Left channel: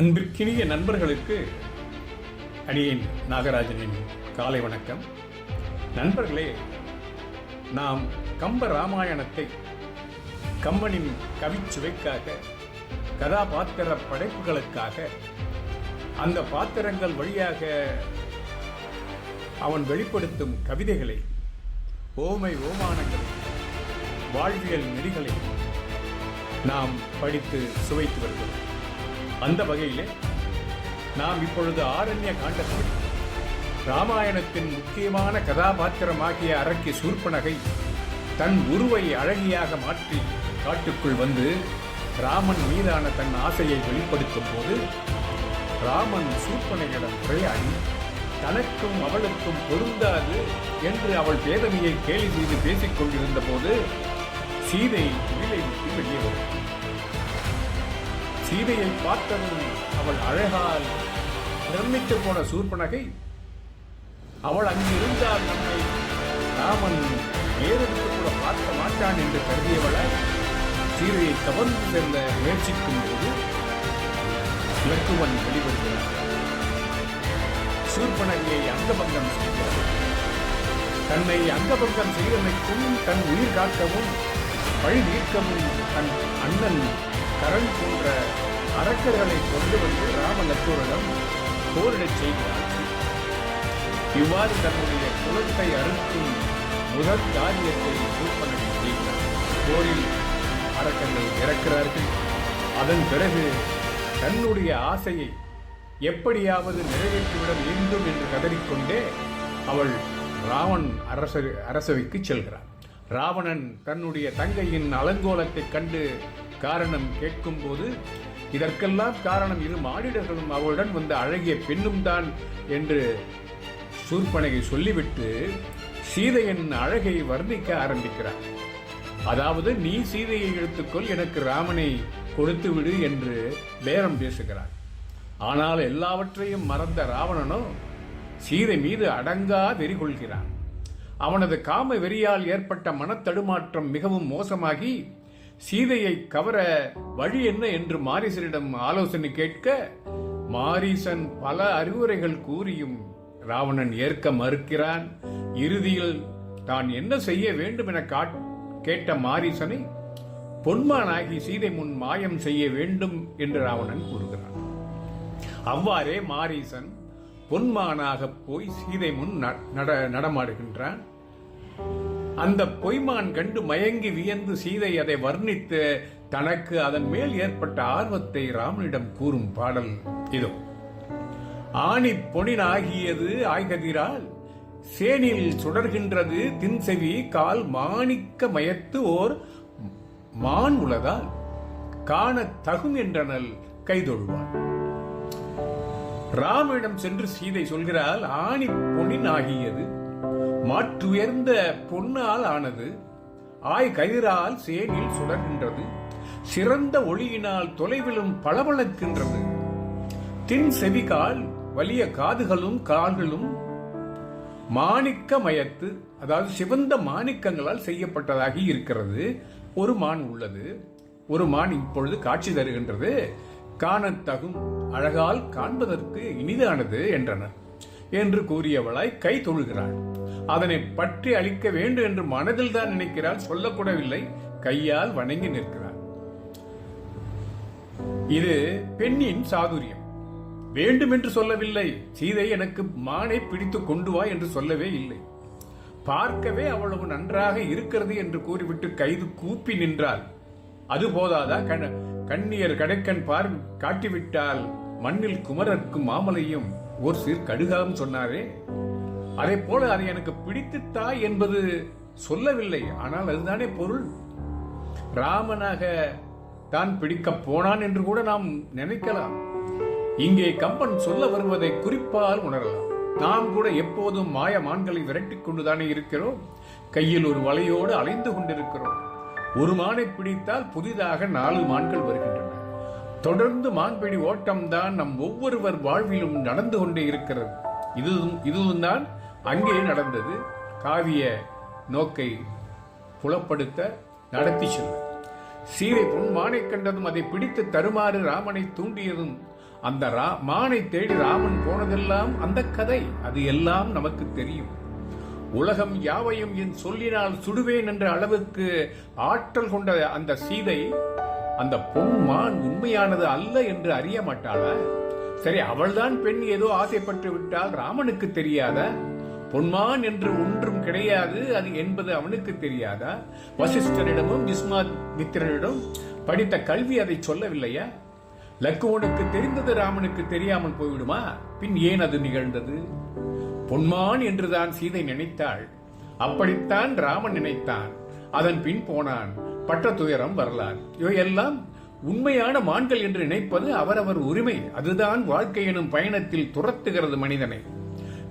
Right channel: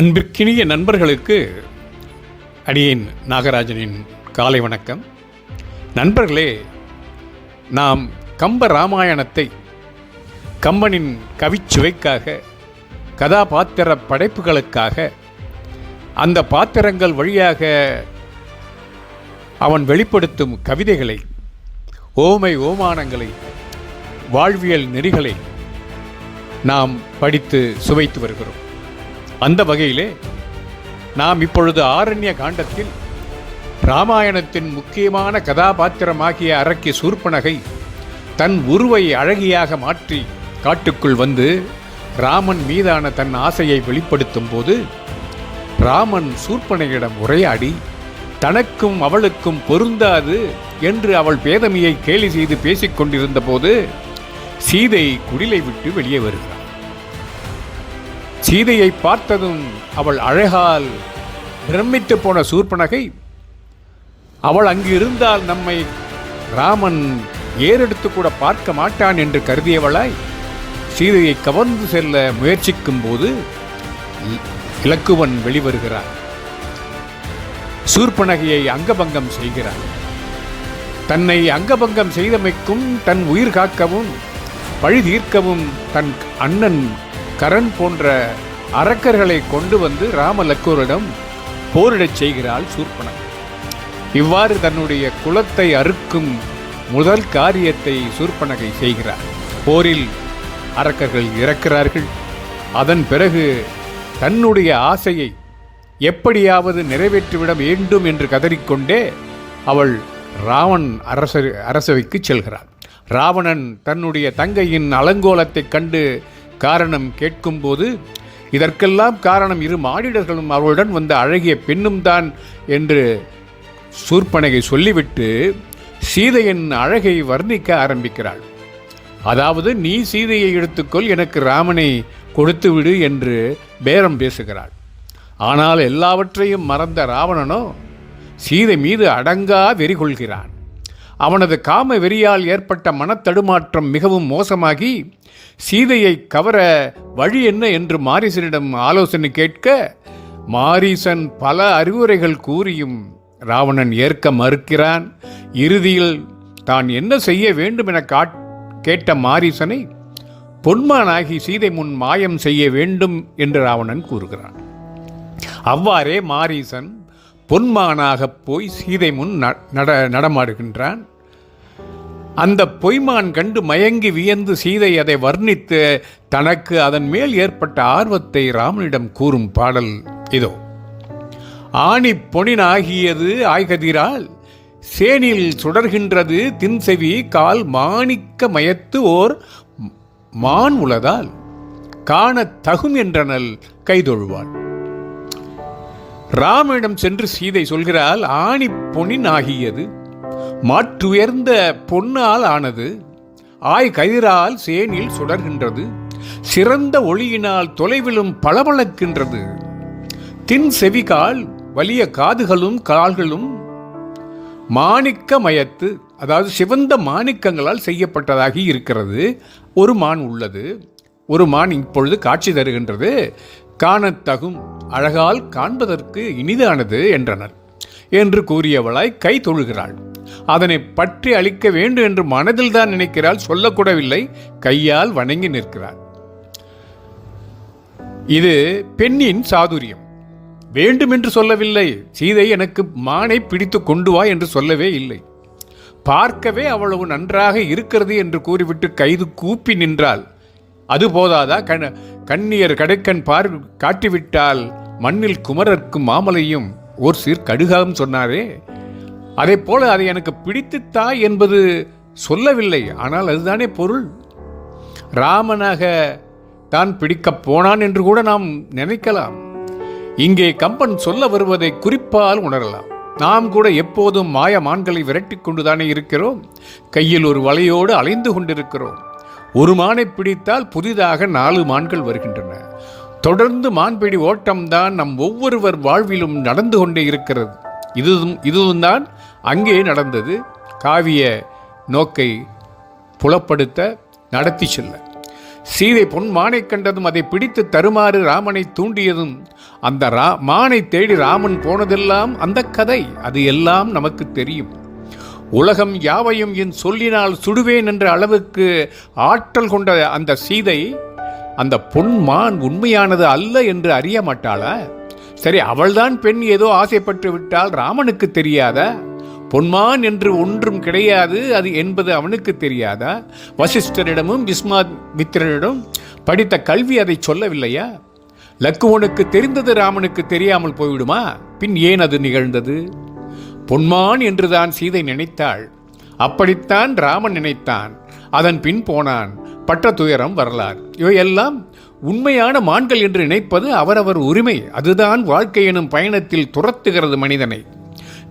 அன்பிற்கினிய நண்பர்களுக்கு அடியேன் நாகராஜனின் காலை வணக்கம். நண்பர்களே நாம் கம்ப ராமாயணத்தை கம்பனின் கவிச்சுவைக்காக கதாபாத்திர படைப்புகளுக்காக அந்த பாத்திரங்கள் வழியாக அவன் வெளிப்படுத்தும் கவிதைகளை ஓமை ஓமானங்களை வாழ்வியல் நெறிகளை நாம் படித்து சுவைத்து வருகிறோம். அந்த வகையிலே நாம் இப்பொழுது ஆரண்ய காண்டத்தில் ராமாயணத்தின் முக்கியமான கதாபாத்திரமாகிய அரக்கி சூர்பனகை தன் உருவை அழகியாக மாற்றி காட்டுக்குள் வந்து ராமன் மீதான தன் ஆசையை வெளிப்படுத்தும் போது ராமன் சூர்பனையிடம் உரையாடி தனக்கும் அவளுக்கும் பொருந்தாது என்று அவள் பேதமையை கேலி செய்து பேசிக்கொண்டிருந்த போது சீதை குடிலை விட்டு வெளியே வருகிறார் சீதையை பார்த்ததும் அவள் அழகால் பிரமித்து போன சூர்பனகை அவள் அங்கு இருந்தால் நம்மை ராமன் ஏறெடுத்து கூட பார்க்க மாட்டான் என்று கருதியவளாய் சீதையை கவர்ந்து செல்ல முயற்சிக்கும் போது இலக்குவன் வெளிவருகிறான். சூர்பனகையை அங்கபங்கம் செய்கிறான். தன்னை அங்கபங்கம் செய்தமைக்கும் தன் உயிர் காக்கவும் பழி தீர்க்கவும் தன் அண்ணன் கரண் போன்ற அரக்கர்களை கொண்டு வந்து ராமலக்கூரிடம் போரிடச் செய்கிறாள் சூர்பனம் இவ்வாறு தன்னுடைய குலத்தை அறுக்கும் முதல் காரியத்தை சூர்பனகை செய்கிறார். போரில் அரக்கர்கள் இறக்கிறார்கள். அதன் பிறகு தன்னுடைய ஆசையை எப்படியாவது நிறைவேற்றிவிட வேண்டும் என்று கதறிக்கொண்டே அவள் ராவன் அரச அரசவைக்கு செல்கிறாள். ராவணன் தன்னுடைய தங்கையின் அலங்கோலத்தைக் கண்டு காரணம் கேட்கும்போது இதற்கெல்லாம் காரணம் இரு மாடிடர்களும் அவளுடன் வந்த அழகிய பெண்ணும் தான் என்று சூர்பனகை சொல்லிவிட்டு சீதையின் அழகை வர்ணிக்க ஆரம்பிக்கிறாள். அதாவது நீ சீதையை எடுத்துக்கொள் எனக்கு ராமனை கொடுத்து விடு என்று பேரம் பேசுகிறாள். ஆனால் எல்லாவற்றையும் மறந்த ராவணனோ சீதை மீது அடங்கா வெறி கொள்கிறான் அவனது காம வெறியால் ஏற்பட்ட மனத்தடுமாற்றம் மிகவும் மோசமாகி சீதையை கவர வழி என்ன என்று மாரிசனிடம் ஆலோசனை கேட்க மாரீசன் பல அறிவுரைகள் கூறியும் ராவணன் ஏற்க மறுக்கிறான். இறுதியில் தான் என்ன செய்ய வேண்டும் என காட் கேட்ட மாரீசனை பொன்மானாகி சீதை முன் மாயம் செய்ய வேண்டும் என்று ராவணன் கூறுகிறான். அவ்வாறே மாரீசன் பொன்மானாக போய் சீதை முன் நட நடமாடுகின்றான். அந்த பொய்மான் கண்டு மயங்கி வியந்து சீதை அதை வர்ணித்து தனக்கு அதன் மேல் ஏற்பட்ட ஆர்வத்தை ராமனிடம் கூறும் பாடல் இதோ. ஆணி பொனினாகியது ஆய்கதிரால் சேனில் சுடர்கின்றது தின்செவி கால் மாணிக்க மயத்து ஓர் மான் உளதால் காண தகும் என்றனல் கைதொழுவாள். ராமனிடம் சென்று சீதை சொல்கிறாள் ஆணி பொனின் ஆகியது மாற்றுயர்ந்த பொன்னால் ஆனது ஆய் கதிரால் சேனில் சுடர்கின்றது சிறந்த ஒளியினால் தொலைவிலும் பளபளக்கின்றது. தின் செவிகால் வலிய காதுகளும் கால்களும் மாணிக்க மயத்து அதாவது சிவந்த மாணிக்கங்களால் செய்யப்பட்டதாகி இருக்கிறது. ஒரு மான் உள்ளது. ஒரு மான் இப்பொழுது காட்சி தருகின்றது. காணத்தகும் அழகால் காண்பதற்கு இனிதானது என்றனர். என்று கூறியவளாய் கை தொழுகிறாள். அதனை பற்றி அளிக்க வேண்டும் என்று மனதில் தான் நினைக்கிறாள் சொல்லக்கூடவில்லை. கையால் வணங்கி நிற்கிறாள் இது பெண்ணின் சாதுரியம். வேண்டும் என்று சொல்லவில்லை. சீதை எனக்கு மானை பிடித்து கொண்டு வா என்று சொல்லவே இல்லை. பார்க்கவே அவ்வளவு நன்றாக இருக்கிறது என்று கூறிவிட்டு கைது கூப்பி நின்றாள். அது போதாதா? கண கண்ணியர் கடைக்கண் பார் காட்டிவிட்டால் மண்ணில் குமரர்க்கும் மாமலையும் ஓர் சீர் கடுகாகும் சொன்னாரே. அதே போல அது எனக்கு பிடித்துத்தா என்பது சொல்லவில்லை. ஆனால் அதுதானே பொருள். ராமனாக தான் பிடிக்கப் போனான் என்று கூட நாம் நினைக்கலாம். இங்கே கம்பன் சொல்ல வருவதை குறிப்பால் உணரலாம். நாம் கூட எப்போதும் மாய மான்களை விரட்டி கொண்டுதானே இருக்கிறோம். கையில் ஒரு வலையோடு அலைந்து கொண்டிருக்கிறோம். ஒரு மானை பிடித்தால் புதிதாக நாலு மான்கள் வருகின்றன. தொடர்ந்து மான்பிடி ஓட்டம்தான் நம் ஒவ்வொருவர் வாழ்விலும் நடந்து கொண்டே இருக்கிறது. இதுவும் இதுவும் தான் அங்கே நடந்தது. காவிய நோக்கை புலப்படுத்த நடத்தி செல்ல. சீதை பொன் மானை கண்டதும் அதை பிடித்து தருமாறு ராமனை தூண்டியதும் அந்த ரா மானை தேடி ராமன் போனதெல்லாம் அந்த கதை. அது எல்லாம் நமக்கு தெரியும். உலகம் யாவையும் என் சொல்லினால் சுடுவேன் என்ற அளவுக்கு ஆற்றல் கொண்ட அந்த சீதை அந்த பொன்மான் உண்மையானது அல்ல என்று அறிய மாட்டாளா? சரி அவள்தான் பெண் ஏதோ ஆசைப்பட்டு விட்டால் ராமனுக்கு தெரியாதா? பொன்மான் என்று ஒன்றும் கிடையாது அது என்பது அவனுக்கு தெரியாதா? வசிஷ்டரிடமும் விஸ்வாமித்திரனிடம் படித்த கல்வி அதை சொல்லவில்லையா? லக்குவனுக்கு தெரிந்தது ராமனுக்கு தெரியாமல் போய்விடுமா? பின் ஏன் அது நிகழ்ந்தது? பொன்மான் என்றுதான் சீதை நினைத்தாள். அப்படித்தான் ராமன் நினைத்தான். அதன் பின் போனான். பட்ட துயரம் வரலாறு. இவையெல்லாம் உண்மையான மான்கள் என்று நினைப்பது அவரவர் உரிமை. அதுதான் வாழ்க்கை எனும் பயணத்தில் துரத்துகிறது மனிதனை.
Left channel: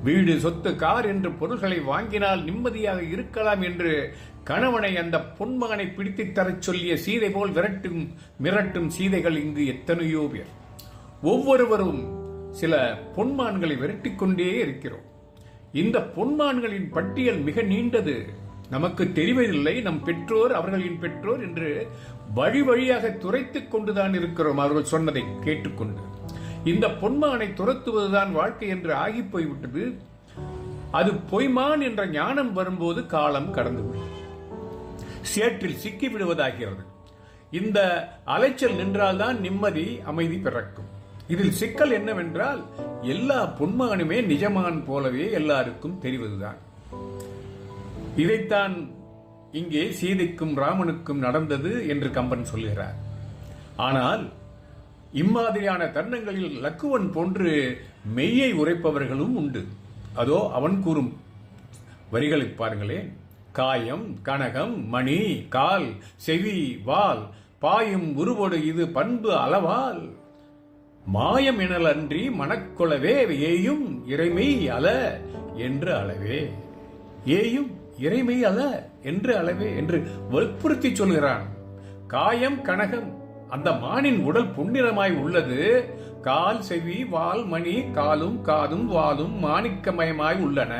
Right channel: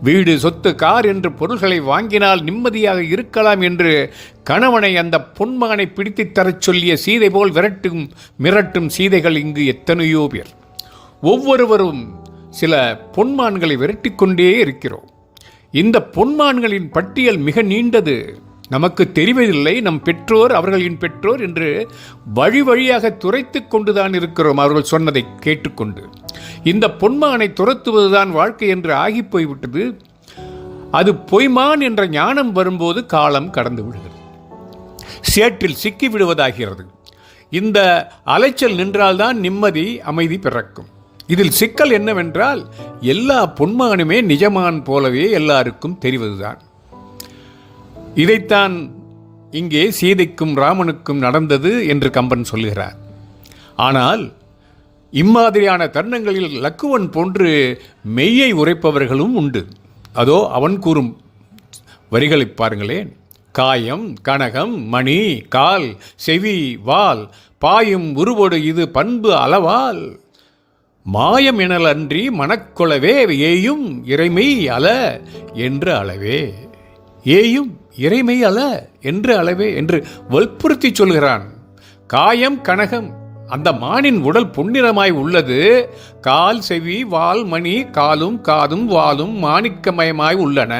வீடு சொத்து கார் என்று பொருள்களை வாங்கினால் நிம்மதியாக இருக்கலாம் என்று கணவனை அந்த பொன்மகனை பிடித்துத் தரச் சொல்லிய சீதை போல் விரட்டும் மிரட்டும் சீதைகள் இங்கு எத்தனையோ பேர். ஒவ்வொருவரும் சில பொன்மான்களை விரட்டிக்கொண்டே இருக்கிறோம். இந்த பொன்மான்களின் பட்டியல் மிக நீண்டது. நமக்கு தெரிவதில்லை நம் பெற்றோர் அவர்களின் பெற்றோர் என்று வழி வழியாக துரைத்து கொண்டுதான் இருக்கிறோம் அவர்கள் சொன்னதை கேட்டுக்கொண்டு. இந்த பொன்மானை துரத்துவதுதான் வாழ்க்கை என்று ஆகி போய்விட்டது. அது பொய்மான் என்ற ஞானம் வரும்போது காலம் கடந்து விடுகிறது. சேற்றில் சிக்கி விடுவதாகிறது. இந்த அலைச்சல் நின்றால்தான் நிம்மதி அமைதி பிறக்கும். இதில் சிக்கல் என்னவென்றால் எல்லா பொன்மானுமே நிஜமான் போலவே எல்லாருக்கும் தெரிவதுதான். இதைத்தான் இங்கே சீதைக்கும் ராமனுக்கும் நடந்தது என்று கம்பன் சொல்லுகிறார் ஆனால் இம்மாதிரியான தருணங்களில் லக்குவன் போன்று மெய்யை உரைப்பவர்களும் உண்டு. அதோ அவன் கூறும் வரிகளை பாருங்களேன். காயம் கனகம் மணி கால் செவி வால் பாயும் உருவோடு இது பண்பு அளவால். மாயம் எனல் அன்றி மனக்கொளவே ஏயும் இறைமை அல என்று அளவே. ஏயும் இறைமை அல என்று அளவே என்று வற்புறுத்தி சொல்கிறான். காயம் கனகம் அந்த மானின் உடல் பொன்னிறமாய் உள்ளது. கால் செவி வால் மணி காலும் காதும் வாலும் மாணிக்கமயமாய் உள்ளன.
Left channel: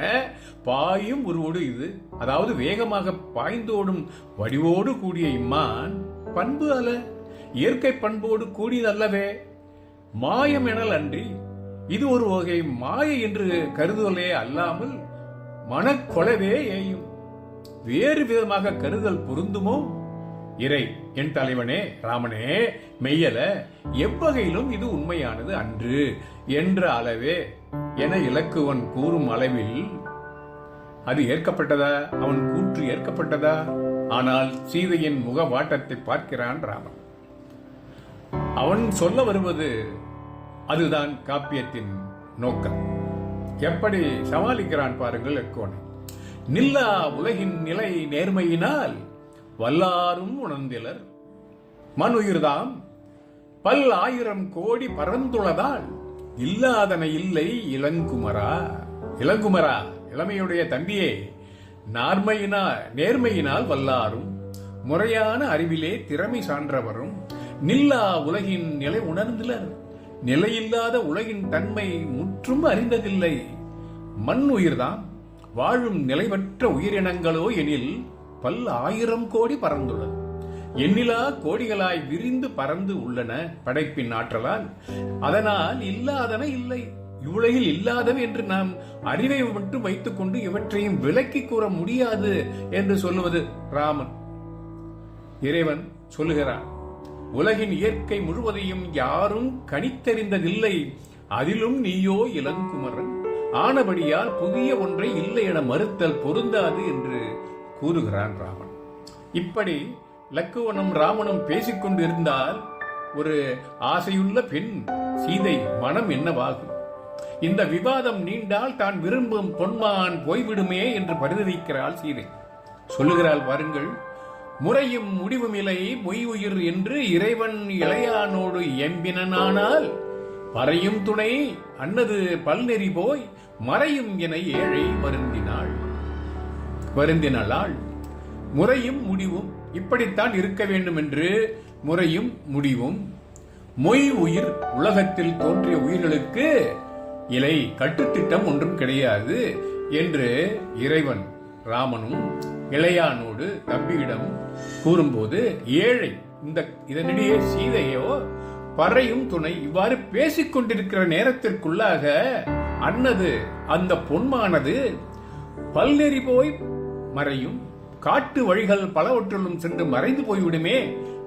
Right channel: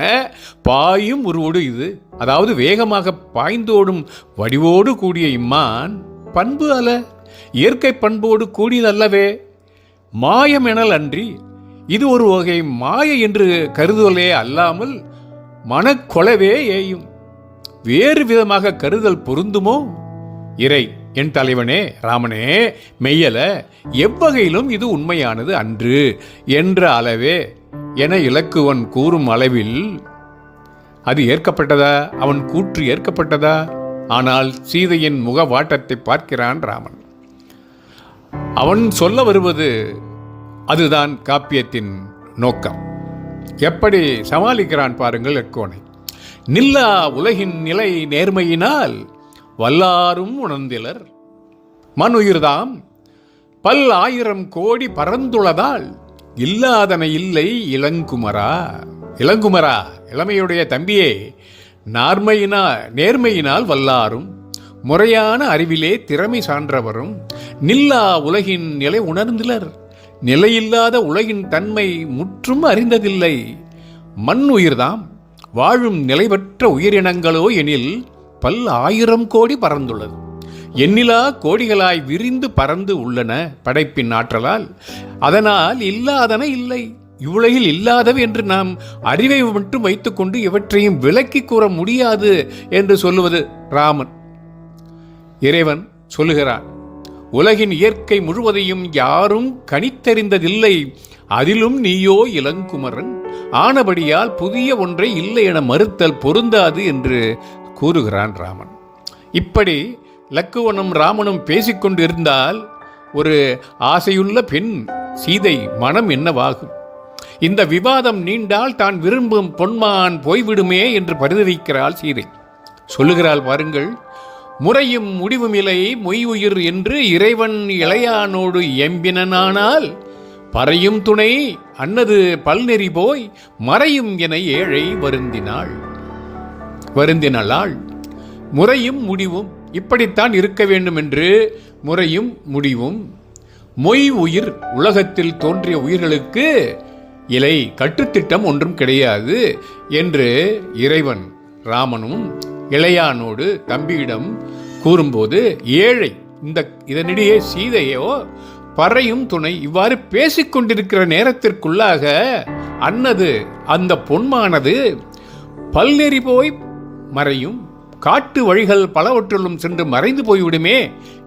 பாயும் உருவோடு இது. அதாவது வேகமாக பாய்ந்தோடும் வடிவோடு கூடிய இம்மான் பண்பு அல்ல. இயற்கை பண்போடு கூடியதல்லவே. மாயம் எனல் அன்றி இது ஒரு வகை மாய என்று கருதுவலே அல்லாமல் மனக்கொலவே ஏயும். வேறு விதமாக கருதல் பொருந்துமோ? இறை என் தலைவனே ராமனே மெய்யல எவ்வகையிலும் இது உண்மையானது அன்று. என்ற அளவே என இலக்குவன் கூறும் அளவில் அது ஏற்கப்பட்டதா? அவன் கூற்று ஏற்கப்பட்டதா? ஆனால் சீதையின் முக வாட்டத்தை பார்க்கிறான் ராமன். அவன் சொல்ல வருவது அதுதான் காப்பியத்தின் நோக்கம். எப்படி சமாளிக்கிறான் பாருங்கள் எக்கோனை. நில்லா உலகின் நிலை நேர்மையினால் வல்லாரும் உணர்ந்திலர். மனுயிர்தாம் பல் ஆயிரம் கோடி பறந்துள்ளதால் இல்லாதன இல்லை இளங்குமரா. இளங்குமரா இளமையுடைய தம்பியே நார்மையினா நேர்மையினால் வல்லாரும் முறையான அறிவிலே திறமை சான்றவரும் நில்லா உலகின் நிலை உணர்ந்திலர். நிலையில்லாத உலகின் தன்மை முற்றும் அறிந்ததில்லை. மண் உயிர்தாம் வாழும் நிலைபற்ற உயிரினங்களோ எனில் பல் ஆயிரம் கோடி பறந்துள்ளது. எண்ணிலா கோடிகளாய் விரிந்து பறந்து உள்ளன படைப்பின் ஆற்றலால். அதனால் இல்லாதன இல்லை. இவ்வுலகில் இல்லாதவை என்று நாம் அறிவை மட்டும் வைத்துக்கொண்டு இவற்றையும் விலக்கி கூற முடியாது என்று சொல்லுவது ராமன். இறைவன் சொல்லுகிறான் உலகின் இயற்கை முழுவதையும் யாரும் கணித்தறிந்ததில்லை. அதிலும் நீயோ இளங்குமரன். ஆனபடியால் புதிய ஒன்றை இல்லை என மறுத்தல் பொருந்தாது என்று கூறுகிறான் ராமன். இப்படி லக்குவனும் ராமனும் பேசிக்கொண்டு இருந்தால் ஒரு ஆசையுள்ள பெண் சீதை மனம் என்னவாகும்? இந்த விவாதம் நீண்டால் தான் விரும்பும் பொன்மான் போய்விடுமே என்று பரிதவிக்கிறாள் சீதை. சொல்லுகிறாள் பாருங்கள் முறையும் முடிவுமில்லை மொய் உயிர் என்று இறைவன் இளையானோடு எம்பினனானால் பறையும் துணை அன்னது பல்நெறி போய் மறையும் என ஏழை வருந்தினாள். வருந்தினாள் முறையும் முடிவும் இப்படித்தான் இருக்க வேண்டும் என்று முறையும் முடிவும். மொய் உயிர் உலகத்தில் தோன்றிய உயிர்களுக்கு இலை கட்டுத்திட்டம் ஒன்றும் கிடையாது என்று இறைவன் ராமனும் இளையானோடு தம்பியிடம் கூறும்போது ஏழை இந்த இதனிடையே சீதையோ பறையும் துணை இவ்வாறு பேசிக் கொண்டிருக்கிற நேரத்திற்குள்ளாக அன்னது அந்த பொன்மானது பல்நெறி போய் மறையும் காட்டு வழிகள் பலவற்றிலும் சென்று மறைந்து போய்விடுமே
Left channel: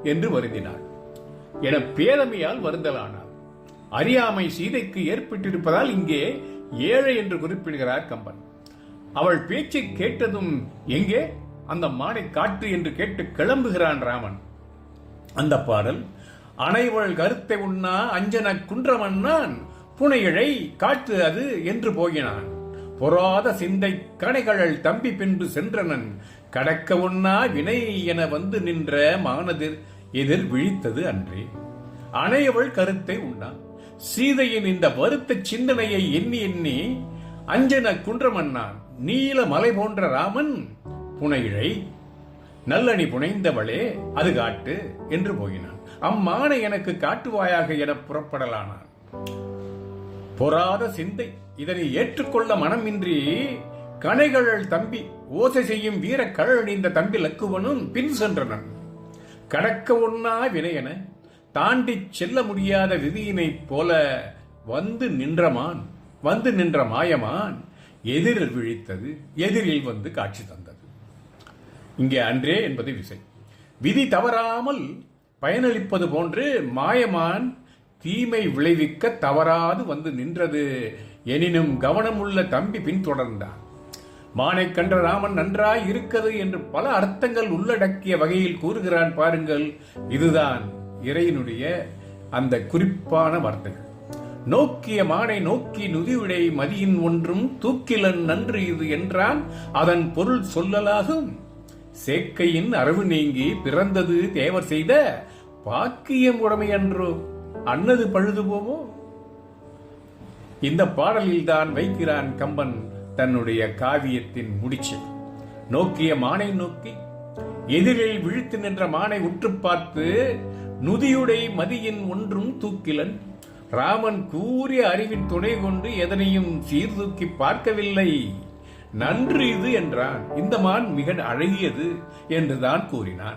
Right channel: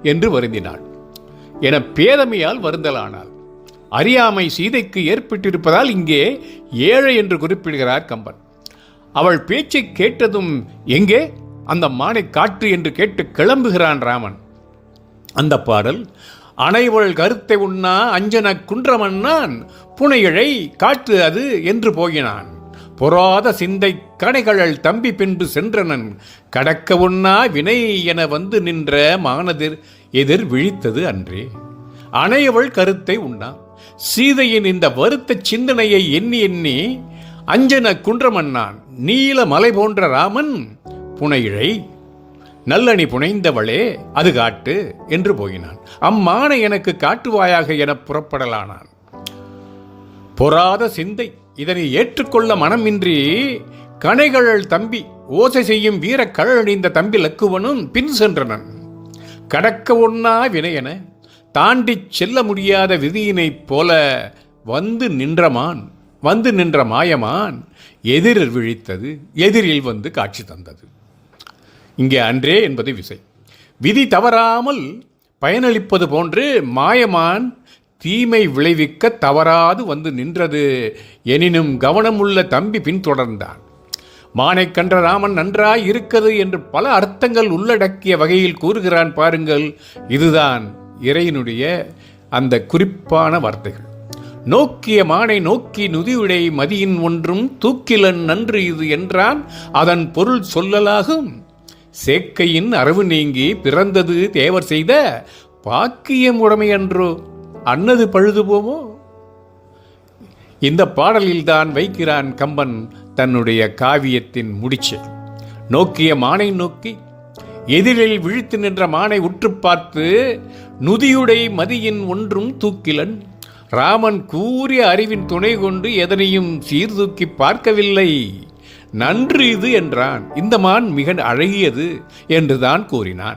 என்று வருந்தினாள். என பேதமையால் வருந்தலானாள். அறியாமை சீதைக்கு ஏற்பட்டிருப்பதால் இங்கே ஏழை என்று குறிப்பிடுகிறார் கம்பன். அவள் பேச்சை கேட்டதும் எங்கே? அந்த மானை காற்று என்று கேட்டு கிளம்புகிறான் ராமன். அந்த பாடல் அனைவள் கருத்தை உண்ணா அஞ்சன குன்றமன்னான் புனையழை காற்று அது என்று போகினான். பொறாத சிந்தை கடைகழல் தம்பி பின்பு சென்றனன். கடக்க உண்ணா வினை என வந்து நின்ற மானதிர் எதிர் விழித்தது அன்றே. அனைவள் கருத்தை உண்ணா. சீதையின் இந்த வருத்த சிந்தனையை எண்ணி எண்ணி அஞ்சன குன்றமன்னான் நீல மலை போன்ற ராமன் புனையிழை நல்லணி புனைந்தவளே அது காட்டு என்று போயினான். அம்மானை எனக்கு காட்டுவாயாக என புறப்படலானான். பொறாத சிந்தை இதனை ஏற்றுக்கொள்ள மனமின்றி கணைகழல் தம்பி ஓசை செய்யும் வீர கழழிந்த தம்பி லக்குவனும் பின் சென்றனன். கடக்க ஒன்னா வினையென தாண்டிச் செல்ல முடியாத விதியினைப் போல வந்து நின்றமான். வந்து நின்ற மாயமான் எதிரில் விழித்தது எதிரில் வந்து காட்சி தந்தது. இங்கே அன்றே என்பது விசை. விதி தவறாமல் பயனளிப்பது போன்று மாயமான் தீமை விளைவிக்க தவறாது வந்து நின்றது எனினும் கவனமுள்ள தம்பி பின்தொடர்ந்தான். மானை கன்ற ராமன் நன்றாய் இருக்கிறது என்று பல அர்த்தங்கள் உள்ளடக்கிய வகையில் கூறுகிறான் பாருங்கள். இதுதான் இறையினுடைய அந்த குறிப்பான வார்த்தைகள். நோக்கிய மானை நோக்கி நுதியுடை மதியின் ஒன்றும் தூக்கிலன் நன்று இது என்றான். அதன் பொருள் சொல்லலாகும். சேக்கையின் அரவு நீங்கி பிறந்தது தேவர் செய்த பாக்கியம் உடைமையன்றோ அன்னது பழுது போவோ? இந்த பாடலில்தான் வைக்கிறான் கம்பன் தன்னுடைய காவியத்தின் முடிச்சு. நோக்கிய மானை நோக்கி எதிரில் விழித்து நின்ற மானை உற்று பார்த்து நுதியுடை மதியின் ஒன்றும் தூக்கிலன் ராமன் கூறிய அறிவின் துணை கொண்டு எதனையும் சீர்தூக்கி பார்க்கவில்லை. நன்று இது என்றான். இந்த மான் மிக அழகியது என்றுதான் கூறினான்.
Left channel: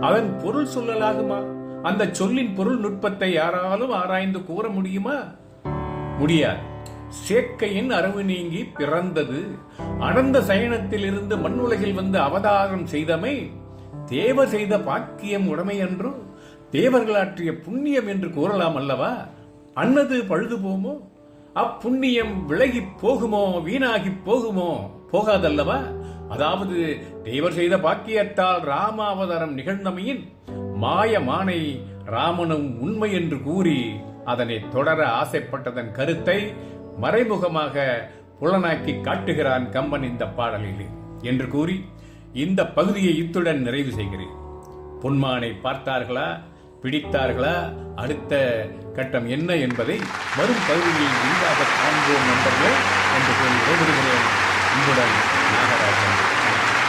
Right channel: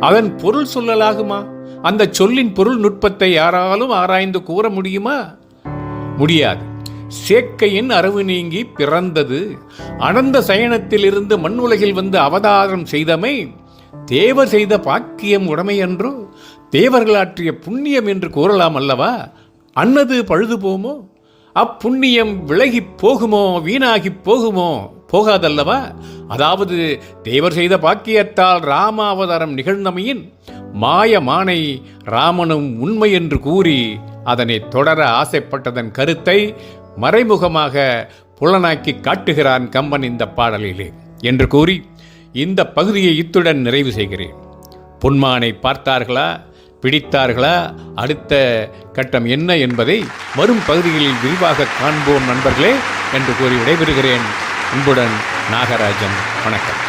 அதன் பொருள் சொல்லலாகுமா? அந்த சொல்லின் பொருள் நுட்பத்தை யாராலும் ஆராய்ந்து கூற முடியுமா? முடியாது. சேக்கையின் அரவு நீங்கி பிறந்தது. அனந்த சயனத்திலிருந்து மண் உலகில் வந்து அவதாரம் செய்தமை தேவர் செய்த பாக்கியம் உடைமை என்றோ தேவர்கள் ஆற்றிய புண்ணியம் என்று கூறலாம் அல்லவா? அன்னது பழுது போமோ அப்புண்ணியம் விலகி போகுமோ? வீணாகி போகுமோ? போகாதல்லவா? அதாவது தேவர் செய்த பாக்கியத்தால் ராம அவதாரம் நிகழ்ந்தமையின் மாய மானை ராமனும் உண்மை என்று கூறி அதனை தொடர ஆசைப்பட்டதன் கருத்தை மறைமுகமாக புலனாக்கி காட்டுகிறான் கம்பன் இந்த பாடலிலே என்று கூறி இந்த பகுதியை இத்துடன் நிறைவு செய்கிறேன். பொன்மானை பார்த்தார்களா? பிடித்தார்களா? அடுத்த கட்டம் என்ன என்பதை வரும் பகுதிகளில் விரிவாக காண்போம் நண்பர்களே என்று கூறி விடைபெறுகிறேன். அன்புடன் நாகராஜன். வணக்கம்.